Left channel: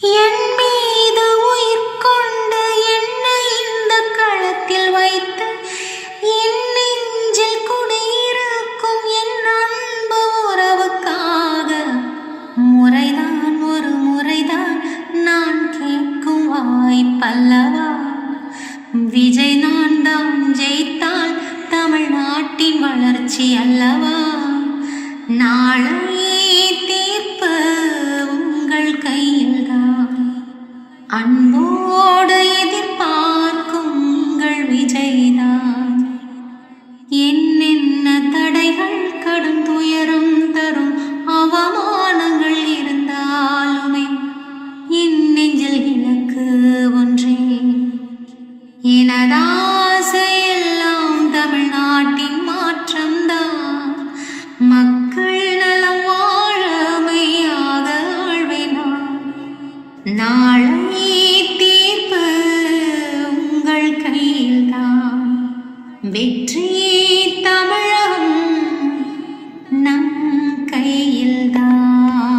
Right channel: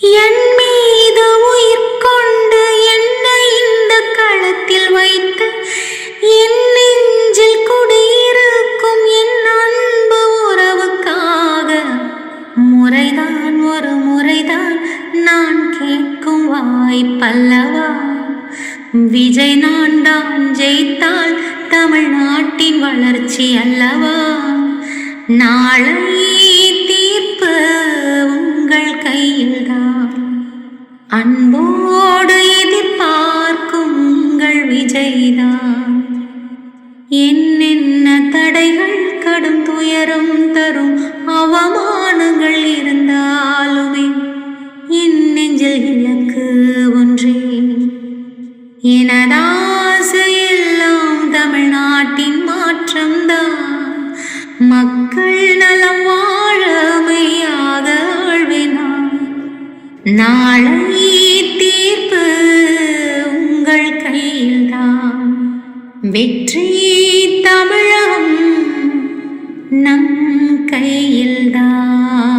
என் மீது உயிர் கொண்டு என்னை இந்த களத்தில் வைத்து என் நெஞ்சில் குடியிருக்கும் என் அன்பு உறவுக்காக முறைதான் ஒரு முறைதான் நான் கேட்கும் வாய்ப்பல்லவா? விஜய் நான் தான் ஜெயித்தால் தமிழ்நாட்டின் வளர்ச்சி அல்லவா? நாளை தீர்ப்பு உங்கள் கையில்தான். அன்போடு எதிர்பார்க்கும் உங்கள் விஜய்தான். என்னென்ன தடைகள் கடும் துயரம் தரும் அவமானங்கள் இருந்தாலுமே என் நெஞ்சில் இலக்கு ஒன்றே. எனதாசையெல்லாம் தமிழ்நாட்டின் மாற்றம்தான். மக்கள் நலம் வாழமையாக ஆழ்வினார். நாளை தீர்ப்பு உங்கள் கையில்தான். வெற்றி தமிழகம் நம் கையில்தான்.